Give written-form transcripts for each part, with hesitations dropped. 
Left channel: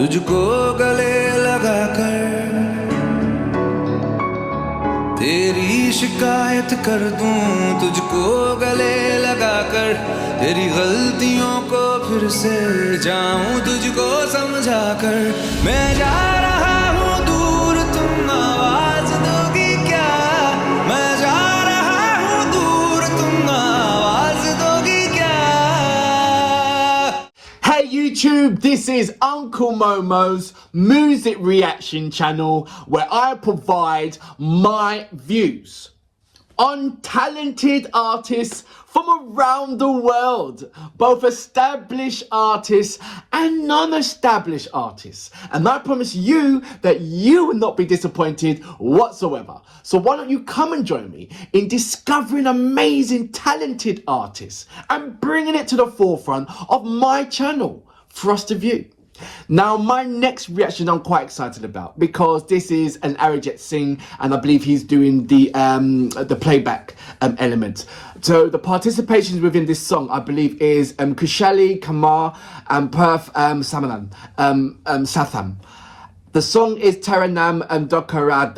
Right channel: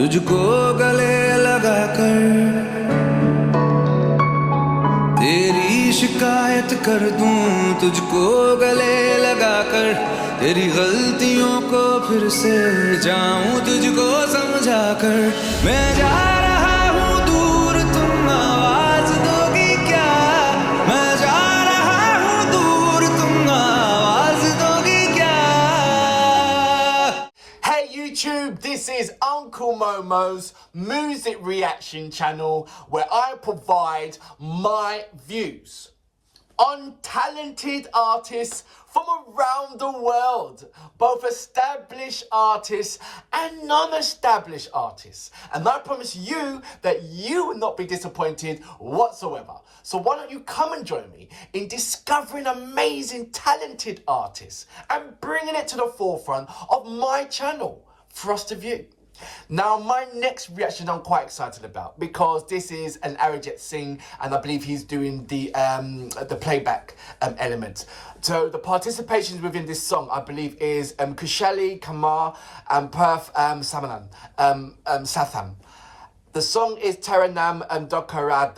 तुझको गले लगा कर तेरी शिकायत कर दूं, तुझको गले लगा कर तेरी गलतियों को फिर से जाऊं तुझको समझा कर। मैं जा रहा हूँ दूर, तुम आवाज दोगी क्या? मैं जा रहा हूँ दूर, तुम आवाज दोगी क्या? Hey YouTube, this is Uncle Momo's music reaction channel where I provide my views on talented artists from around the world, both established artists and non-established artists. And I promise you that you will not be disappointed whatsoever. So why don't you come and join me in discovering amazing talented artists and bringing it to the forefront of my channel for us to view. Now, my next reaction I'm quite excited about because this is an Arijit Singh and I believe he's doing the playback element. So the participations within this song, I believe, is Khushalii Kumar and Parth Samthaan. The song is Tera Naam Dhoka Rakh,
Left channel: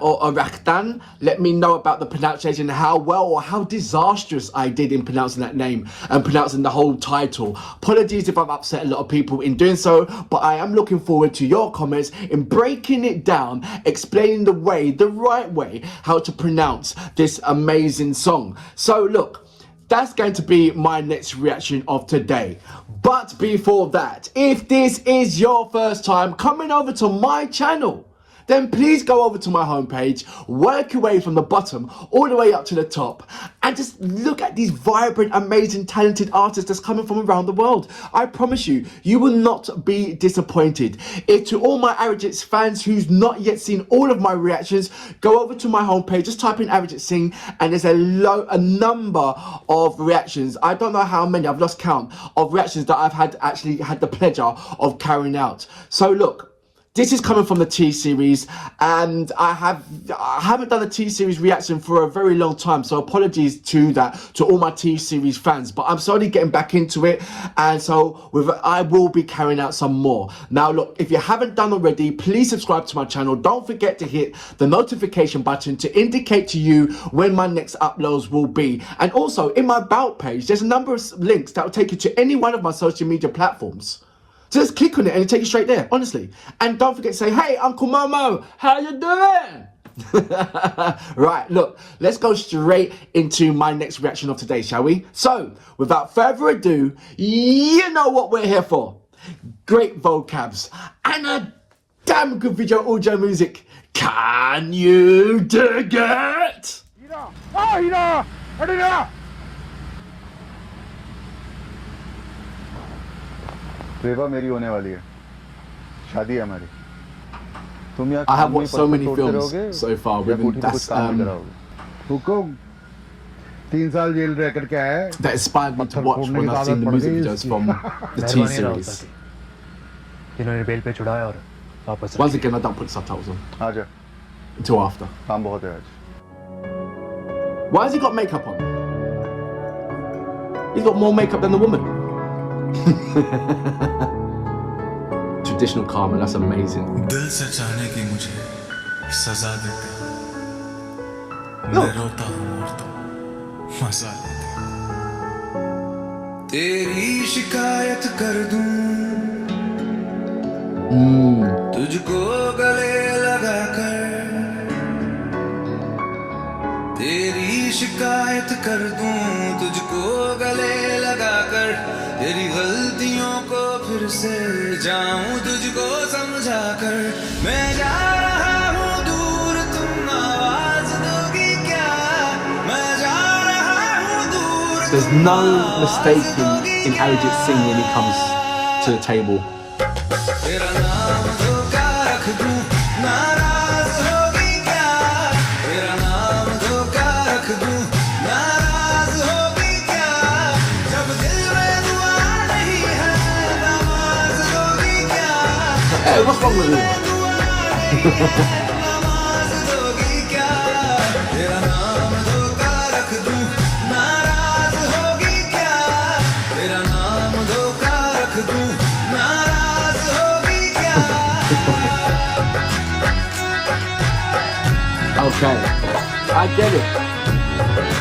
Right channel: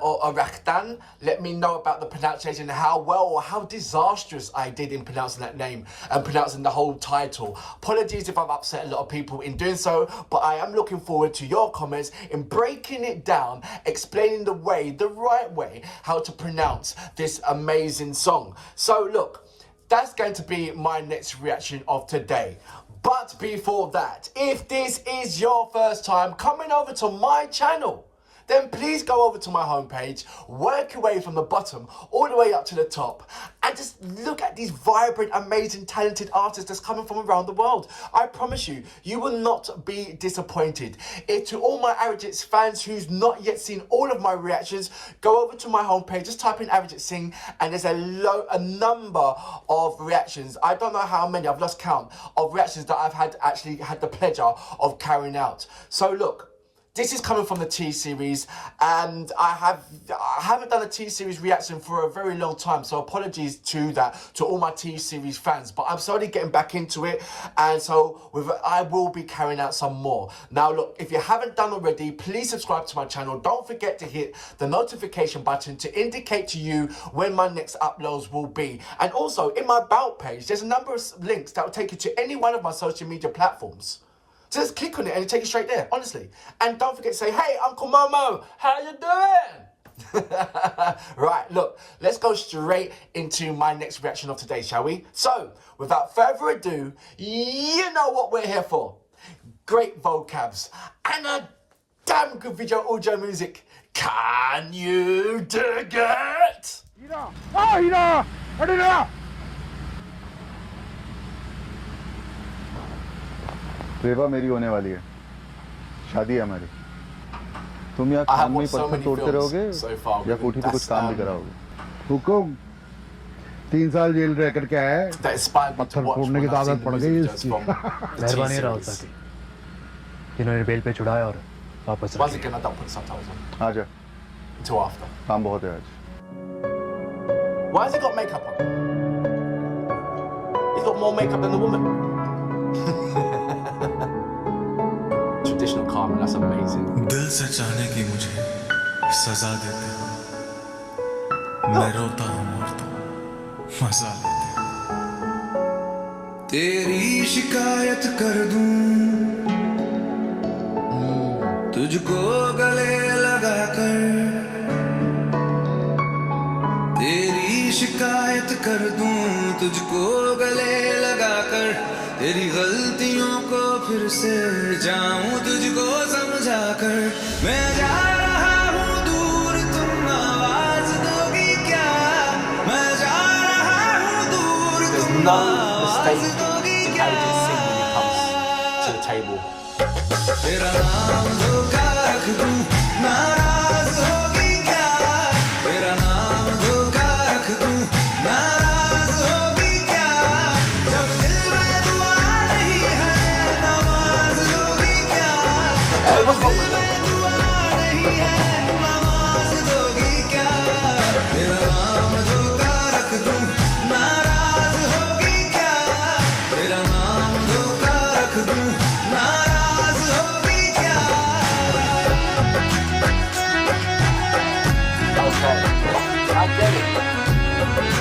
or Rakhdu. Let me know about the pronunciation, how well or how disastrous I did in pronouncing that name and pronouncing the whole title. Apologies if I've upset a lot of people in doing so, but I am looking forward to your comments in breaking it down, explaining the right way, how to pronounce this amazing song. So look, that's going to be my next reaction of today. But before that, if this is your first time coming over to my channel, then please go over to my homepage, work your way from the bottom all the way up to the top, and just look at these vibrant, amazing, talented artists that's coming from around the world. I promise you, you will not be disappointed. To all my Arijit fans who's not yet seen all of my reactions, go over to my homepage, just type in Arijit Singh, and there's a number of reactions. I don't know how many, I've lost count, of reactions that I've actually had the pleasure of carrying out. So look, this is coming from the T-Series, and I haven't done a T-Series reaction for a very long time, so apologies to all my T-Series fans, but I'm slowly getting back into it, and so I will be carrying out some more. Now look, if you haven't done already, please subscribe to my channel. Don't forget to hit the notification button to indicate to you when my next uploads will be. And also, in my About page, there's a number of links that will take you to any one of my social media platforms. So just click on it and it'll take you straight there, honestly. And don't forget to say, hey, Uncle Momo, how you doing? Right, look, let's go straight into my next reaction of today, shall we? So, without further ado, you know what we're here for. Great vocabs and a damn good video audio music. Can you dig it? रेवा मेरी होने वाली है, शादी है हमारी। तुम यहाँ काम में पत्थर तोड़ते रहोगे या कोठी पे कुछ काम नहीं कराओगे? हुकुम 3 साल जेल रह करके आए, पत्थर फोड़ने की आदत पड़ गई इसकी। मेहरबानी राव साथी, जिन्होंने बेल पे छुड़ाया और वापस Once again, I don't put subtitles on. आजा, Until after. काम बहुत है आज। Why has he got makeup on? He's got more makeup than the woman. Traditional karma, that's amazing. दिल से चाहने की मुझे सजा देते हो, मैं रोता हूँ और तुम मजा लेते हो। तेरी शिकायत कर दूं, तुझको गले लगा कर तेरी शिकायत कर दूं, तुझको गले लगा कर तेरी गलतियों को फिर से जाऊं तुझको समझा कर। मैं जा रहा हूँ दूर, तुम आवाज दोगी क्या? मैं जा रहा हूँ दूर, तुम आवाज दोगी क्या? Arijit Singh when he comes to the table. तेरा नाम धोखा रख दूं, नाराज होगी क्या? तेरा नाम धोखा रख दूं, नाराज होगी क्या? जब दिल में दुआ नहीं है, नमाज दोगी क्या? जब दिल में दुआ नहीं है, नमाज दोगी क्या? तेरा नाम धोखा रख दूं, नाराज होगी क्या? तेरा नाम धोखा रख दूं, नाराज हो Okay, I get it.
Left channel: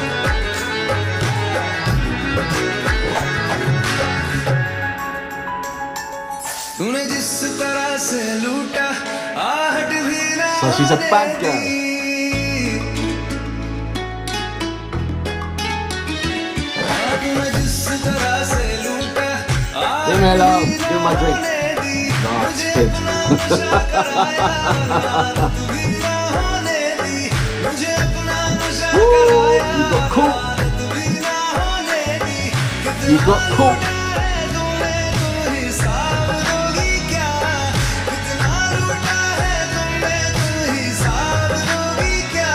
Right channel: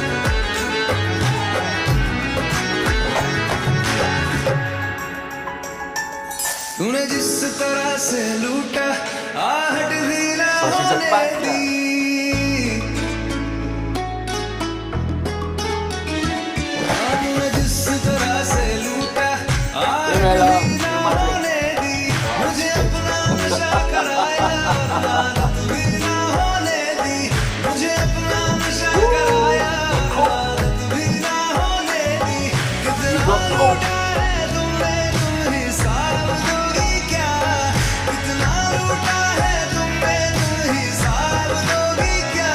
तूने जिस तरह से लूटा आहट भी ना So she's a होने bad girl. दी तूने जिस तरह से लूटा आहट भी ना होने दी मुझे अपना नशा कराया और आदत भी ना होने दी मुझे अपना नशा कराया और आदत भी ना होने दी कितना लूटा है तुमने तुम हिसाब दोगी क्या कितना लूटा है तुमने तुम हिसाब दोगी क्या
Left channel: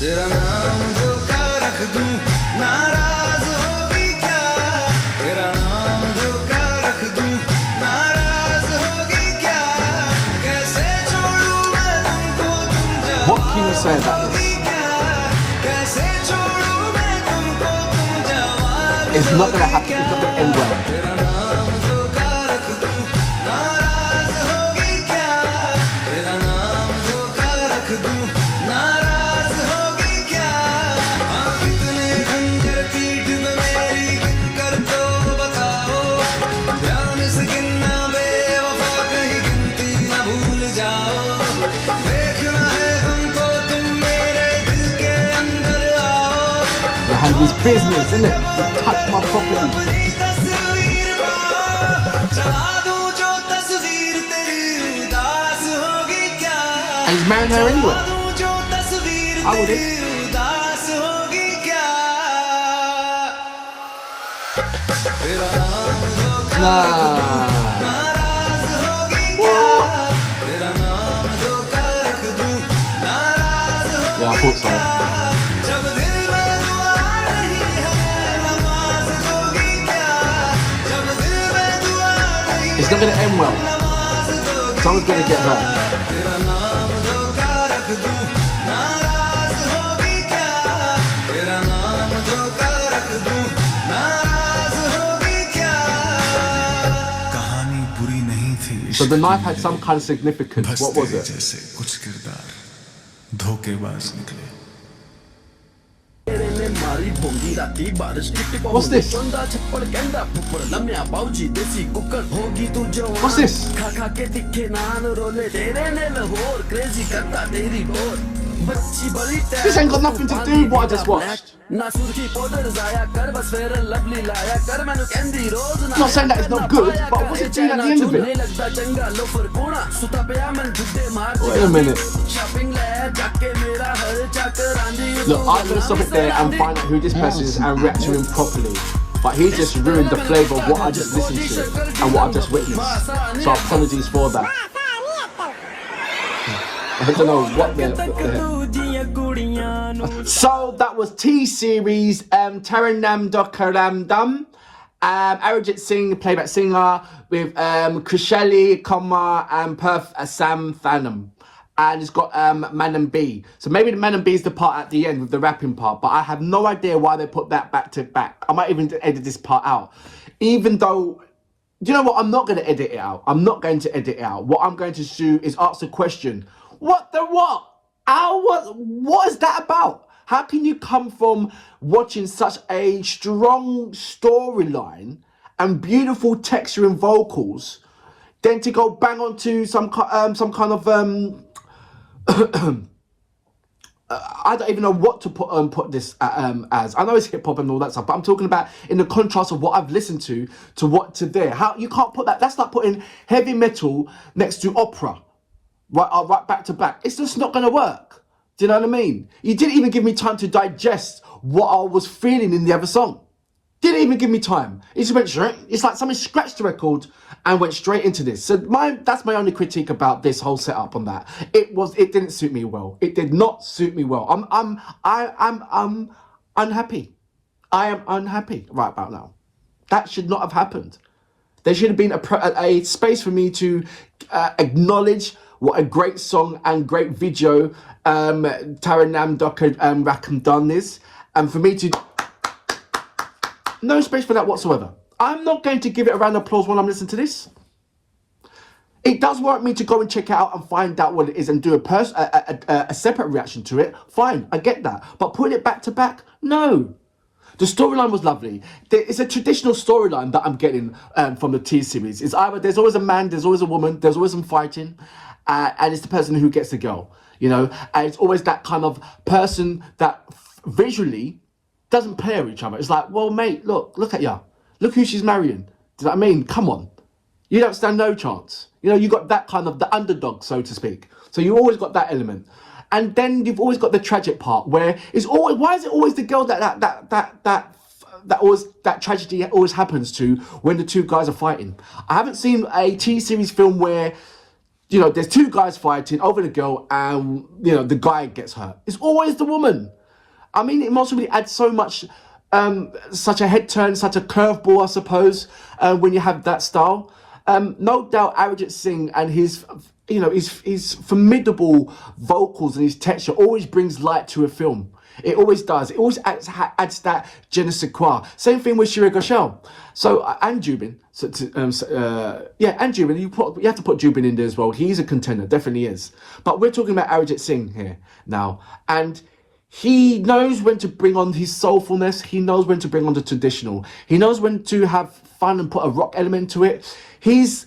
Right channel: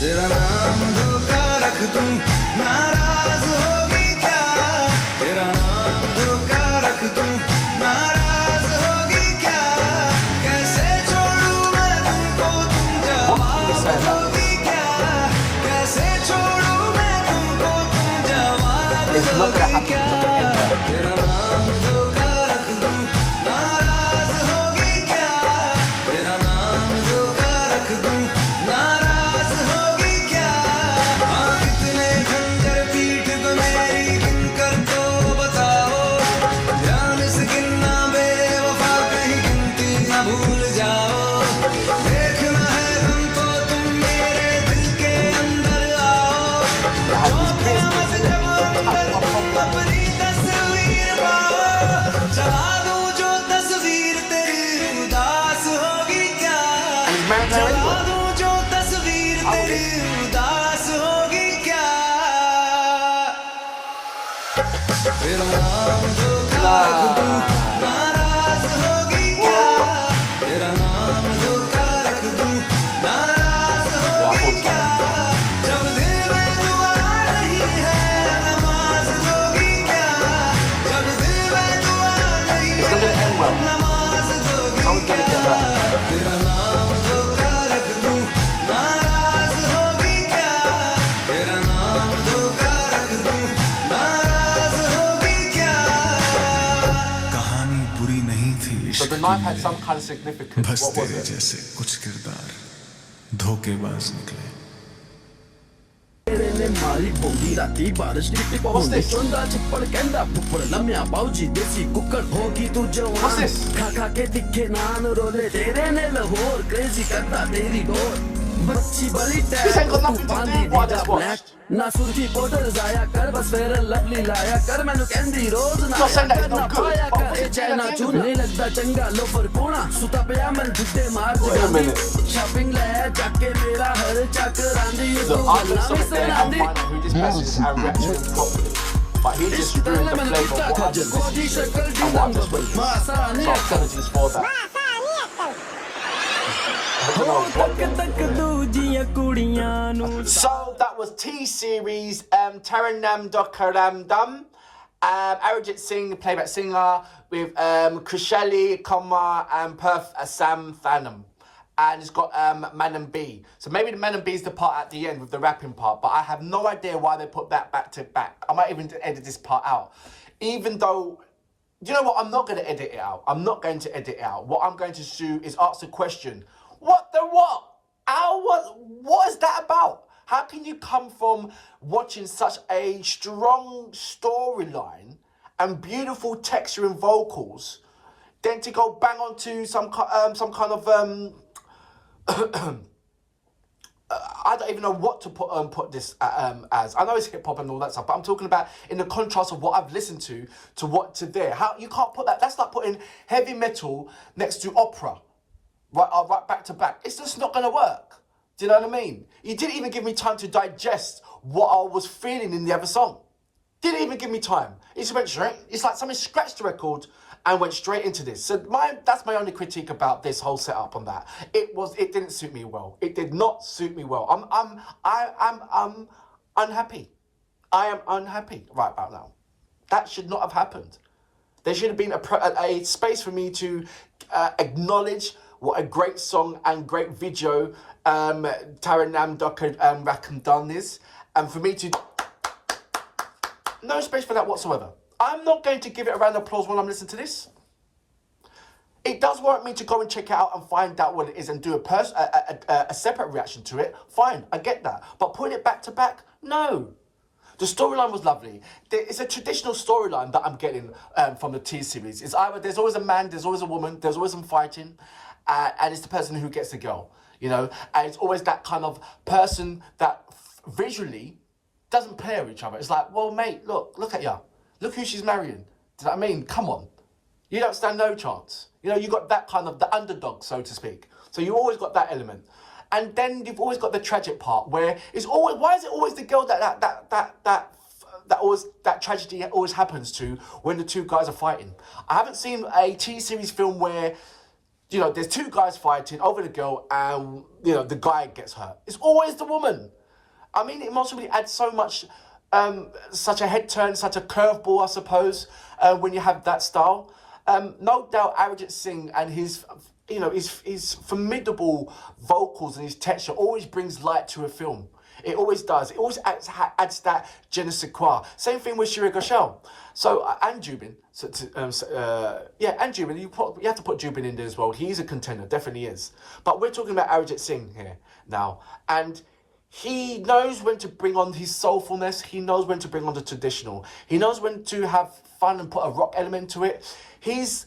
तेरा नाम धोखा रख दूं नाराज होगी क्या तेरा नाम धोखा रख दूं नाराज होगी क्या कैसे छोड़ूं मैं तुमको तुम जवाब दोगी क्या कैसे छोड़ूं मैं तुमको तुम जवाब दोगी क्या तेरा नाम धोखा रख दूं नाराज होगी क्या तेरा नाम धोखा रख दूं नाराज होगी क्या हाँ कितने खंजर पीठ पे मेरी गिन कर तो बताओ ध्यान से गिनना बेवफा कहीं गिनती ना भूल जाओ देखना है हमको तुम मेरे दिल के अंदर आओ business, isn't it? अपनी तस्वीर पाओ चला दूं जो तस्वीर तेरी उदास होगी क्या And he's marrying her चला anyway. दूं जो तस्वीर तेरी उदास होगी क्या तेरा नाम धोखा रख दूं नाराज होगी क्या तेरा नाम धोखा रख दूं नाराज होगी क्या जब दिल में दुआ नहीं है नमाज दोगी क्या जब दिल में दुआ नहीं It's not gonna end well. नमाज दोगी Someone's gonna get hurt. तेरा नाम धोखा रख दूं नाराज होगी क्या तेरा नाम धोखा रख दूं नाराज होगी क्या कहानी बुरी नहीं थी So the knife had some kind of significance. बस What was तेरे it? जैसे कुछ किरदार धोखेबाज निकले ने मारी बोंगी राती बारिश की टिप What's this? चंदा छप्पड़ कहंदा फुफड़ लम्या बाऊजी देसी कुकर होगी तू What's जवान this? खा खा के तिखे नान रोले तेरे ने लाहौर क्रेजी करता तेरी डोर बच्ची बड़ी This ain't got nothing to do with what I just watched. ना सुर्खी पाउडर जाया कर बस फेयर लवली लाया कर मैनू कहंदी रोज ना Not saying that it's not good, पाया but कर what's A it doing at the China end of चूने it? लगदा चंगा लोफर कोना सुता पिया मन जुद्दे मार Wait a minute. शॉपिंग ले जाके मेरा हर चक्कर आंदी Look, I'm gonna stop it there and find out who this person is and react to him properly. But he just ruined the flavour of what I just listened to and what I just witnessed. So apologies for that. I don't know what the... So that was T-Series, Tera Naam Dhoka Rakh, Arijit Singh, playback singer, with Khushalii Kumar and Parth Samthaan. And it's got Manan B. So maybe the Manan B is the part at the end with the rapping part, but I have no idea why they put that back to back. I might even edit this part out. Even though, you know what, I'm not going to edit it out. I'm not going to edit it out. What I'm going to do is ask the question, what the what? What is that about? How can you come from watching such a strong storyline and beautiful texture and vocals, then to go bang onto some kind of I don't even know what to put this as. I know it's hip hop and all that stuff, but I'm talking about in the contrast of what I've listened to what to there. How you can't put that? That's like putting heavy metal next to opera, right back to back. It's just not going to work. Do you know what I mean? You didn't even give me time to digest what I was feeling in the other song. Didn't even give me time. It just went straight. It's like somebody scratched the record and went straight into this. So that's my only critique about this whole setup on that. It didn't suit me well. It did not suit me well. I'm unhappy. I am unhappy right about now. That should not have happened. There should have been a space for me to acknowledge what a great song and great video Tera Naam Dhoka Rakh done is, and for me to no space for that whatsoever. I'm not going to give it a round of applause while I'm listening to this. it does warrant me to go and check it out and find out what it is and do a separate reaction to it. Fine, I get that. But putting it back to back, no. The storyline was lovely. It's a traditional storyline that I'm getting from the T series. It's either there's always a man, there's always a woman, there's always some fighting, and it's the person who gets the girl, you know? And it's always that kind of person that visually doesn't pair each other. It's like, well, mate, look at ya. Look who she's marrying. Do you know what I mean? Come on. You don't stand no chance. You know, you got that kind of the underdog, so to speak. So you always got that element. And then you've always got the tragic part where it's always, why is it always the girl that tragedy always happens to when the two guys are fighting? I haven't seen a T-series film where, you know, there's two guys fighting over the girl and, you know, the guy gets hurt. It's always the woman. I mean, it must really add so much, such a head turn, such a curveball, I suppose, when you have that style. No doubt Arijit Singh and his, you know, his formidable vocals and his texture always brings light to a film. It always does. It always adds that je ne sais quoi. Same thing with Shreya Ghoshal. So, and Jubin. And Jubin, you have to put Jubin in there as well. He's a contender, definitely is. But we're talking about Arijit Singh here now. And he knows when to bring on his soulfulness. He knows when to bring on the traditional. He knows when to have fun and put a rock element to it. His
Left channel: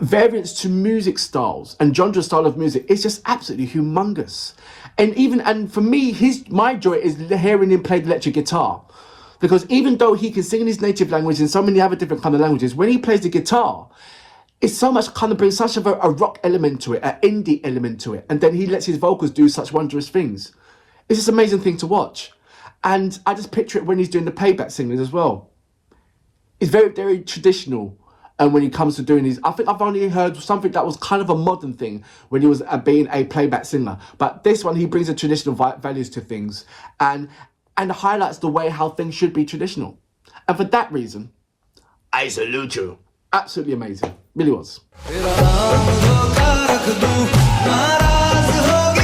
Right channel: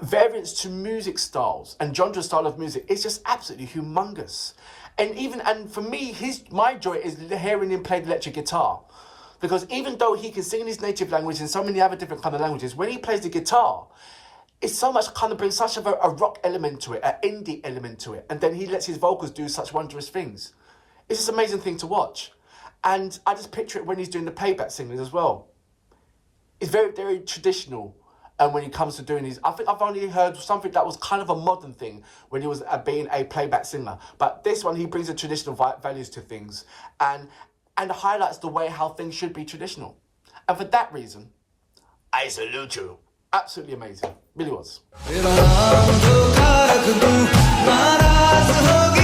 variants to music styles and genre style of music is just absolutely humongous. And for me, my joy is hearing him play the electric guitar. Because even though he can sing in his native language and so many other different kind of languages, when he plays the guitar, it's so much kind of brings such a rock element to it, an indie element to it. And then he lets his vocals do such wondrous things. It's just an amazing thing to watch. And I just picture it when he's doing the playback singing as well. It's very, very traditional. And when he comes to doing these, I think I've only heard something that was kind of a modern thing when he was being a playback singer. But this one, he brings the traditional values to things and highlights the way how things should be traditional. And for that reason, I salute you. Absolutely amazing. Really was. Tera naam dhoka rakh du, naraz hogi